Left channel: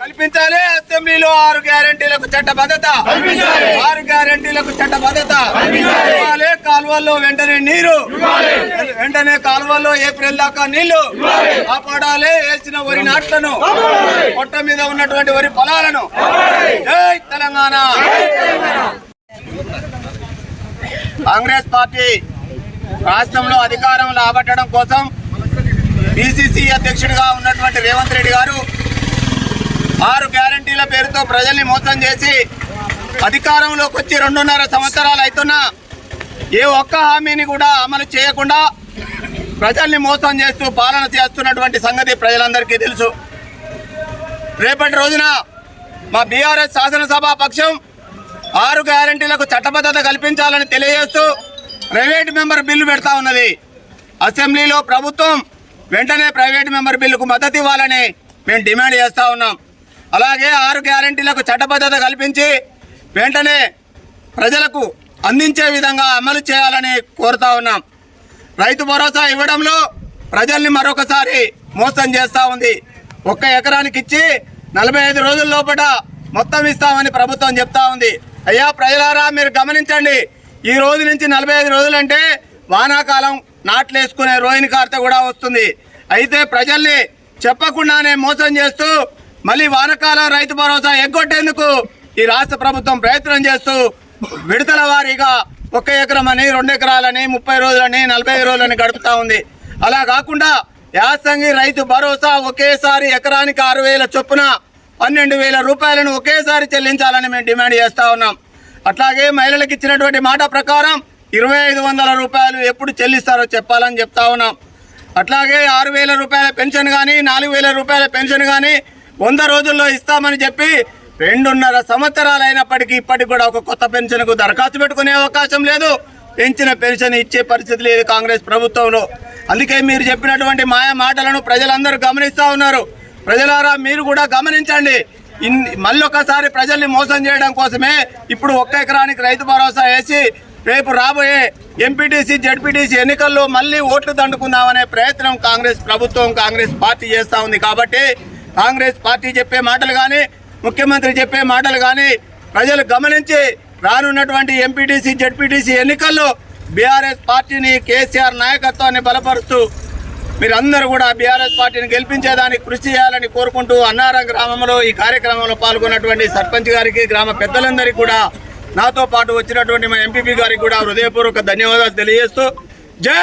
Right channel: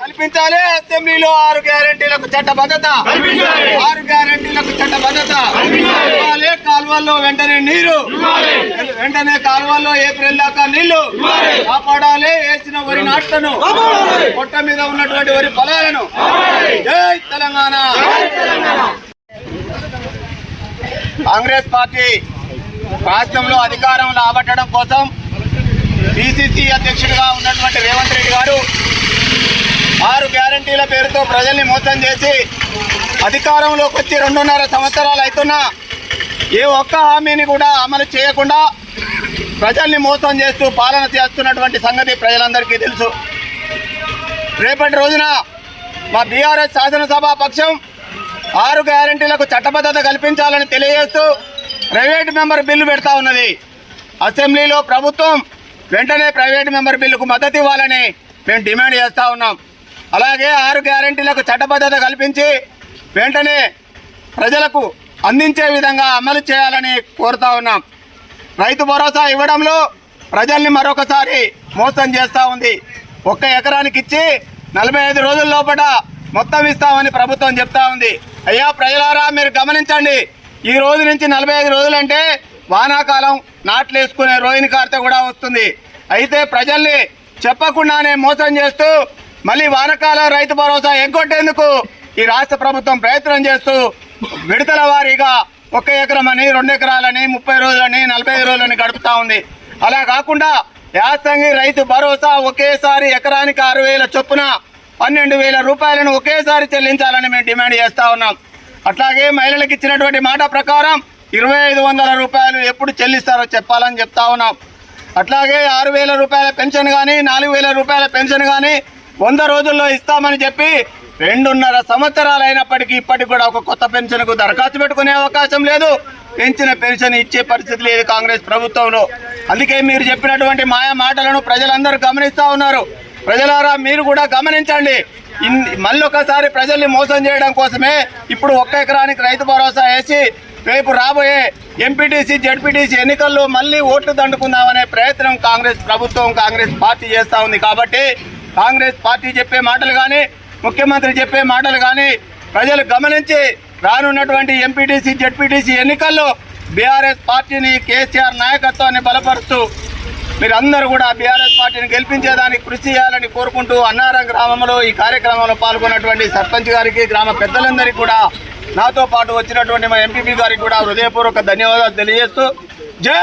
కల్పించాలి అసెంబ్లీలో 6 గ్యారెంటీలకు చట్టబద్ధత 6 గ్యారెంటీలకు చట్టబద్ధత కాలువల్లో వెంటనే కాలువల్లో ఏప్రిల్ దాకా నీళ్లు కాపాడాలి. వేసిన వరి నాట్లను పొట్ట మీద ఉన్నటువంటి వరి పొలాలను. జై తెలంగాణ. కాంగ్రెస్ పార్టీ రాష్ట్రంలో అధికారం రాబట్టడం కోసం పిసిసి అధ్యక్షుడిగా ఉన్నటువంటి రేవంత్ రెడ్డి గారు 6 గ్యారెంటీల పేరుతో ప్రజల్ని మోసం చేసి అధికారంలోకి వచ్చి 2.5 సంవత్సరాలు అవుతున్నా ఏ ఒక్క హామీని కూడా అమలు చేయకుండా ప్రజల్ని మోసం చేస్తూ పాలన చేస్తున్నటువంటి సంగతి ప్రజలందరికీ తెలుసు. రేపటి రోజున మా బీఆర్ఎస్ శాసనసభా పక్షం 6 గ్యారెంటీలకు చట్టబద్ధత కల్పించాలని తెలియజేస్తూ ప్రైవేట్ మెంబర్ బిల్లు పెడతా ఉన్నది. అసెంబ్లీలో ప్రభుత్వం వెంటనే ప్రైవేట్ మెంబర్ బిల్లుకు మద్దతు ఇవ్వాలని మేము డిమాండ్ చేస్తూ ఉన్నాం. అలాగే 6 గ్యారెంటీలకు చట్టబద్ధత కల్పించి వెంటనే ప్రజలకు అందించే విధంగా అమలు చేయాలని కోరుతా ఉన్నాం. రైతు భరోసా ఇవ్వడంలో ప్రజల్ని మరొకసారి మోసం చేస్తూ ఉంది. 1 ఎకరానికి ఇచ్చి 45 రోజుల లోపల మొత్తం ఇస్తామని ప్రభుత్వం చెప్తా ఉంది. అయ్యా ప్రజలారా, మీరు గమనించండి. ఈ రోజు నుంచి 45 రోజులంటే వానాకాలం నాట్లు వేసుకునే రోహిణి కార్తె కూడా వస్తుంది. అయితే ప్రజల్ని చెప్పకుండానే మోసం చేస్తూ మళ్ళీ వానాకాలం రైతు భరోసా ఎగ్గొట్టేందుకు ఈ రాష్ట్ర ప్రభుత్వం ప్రయత్నం చేస్తూ విడతల వారీగా 1 ఎకరమని 2 ఎకరాలని 30 రోజులని 45 రోజులని గడుపుతూ ఉంది. అలా కాకుండా యాసంగి రైతు భరోసా ఒకేసారి ఎకరానికి 6,000 చొప్పున 12,000 రూపాయలను ఒకేసారి చెల్లించాలని మేము డిమాండ్ చేస్తూ ఉన్నాం. అట్లాగే మహిళలకు ఇచ్చినటువంటి మాట ప్రకారం 2,500 రూపాయలు ఎప్పుడు చెల్లిస్తారో చెప్పాలని చెప్తా ఉన్నాం. అట్లాగే 6,000 రూపాయల పెన్షన్ కానీ 4,000 రూపాయల పెన్షన్ కానీ 100 రోజుల్లో ఇస్తామని చెప్పి 2.5 సంవత్సరాలు అయినప్పటికీ ఇప్పటికి కూడా ఒక కొత్త పెన్షన్కు దరఖాస్తు పెట్టుకునే అవకాశం లేదు. పెంచిన పెన్షన్ ఇచ్చే పరిస్థితి లేదు కాంగ్రెస్ ప్రభుత్వంలో. అందుకే మీరు చెప్పినటువంటి మాయా మాటలను ప్రజలందరూ గమనిస్తూ ఉన్నారు. ప్రజలారా, మీరు కూడా గమనించండి. మళ్ళీ ఒకసారి ప్రజల్ని మోసం చేయడం కోసమే ఇప్పుడు 1 ఎకరానికి రైతు భరోసా వేసి రేపు రాబోయే ఎంపీటీసీ జెడ్పీటీసీ ఎన్నికల్లో మళ్ళీ ఓట్లు దండుకుందామనే ప్రయత్నం కాంగ్రెస్ ప్రభుత్వం కాంగ్రెస్ పార్టీ చేస్తూ ఉంది. కాబట్టి కాంగ్రెస్ పార్టీ చెప్పే మాటలు కానీ ముఖ్యమంత్రి చెప్పే మాటలు కానీ ప్రజలు గమనించి రానున్నటువంటి ఎంపీటీసీ జెడ్పీటీసీ ఎన్నికల్లో బీఆర్ఎస్ పార్టీని కేసీఆర్ నాయకత్వాన్ని బలపరుస్తూ మీరందరూ కూడా బీఆర్ఎస్ పార్టీని గెలిపించేదానికి కృషి చేయాలని కోరుకుంటూ అన్నారం గ్రామంలో ఈ కార్యక్రమంలో పాల్గొన్నటువంటి సర్పంచ్ గారికి, గ్రామ పెద్దలందరికీ కూడా, నాతో పాటు వచ్చినటువంటి మా ఎంపీపీ గారికి కూడా హృదయపూర్వక ధన్యవాదాలు తెలియజేస్తూ జై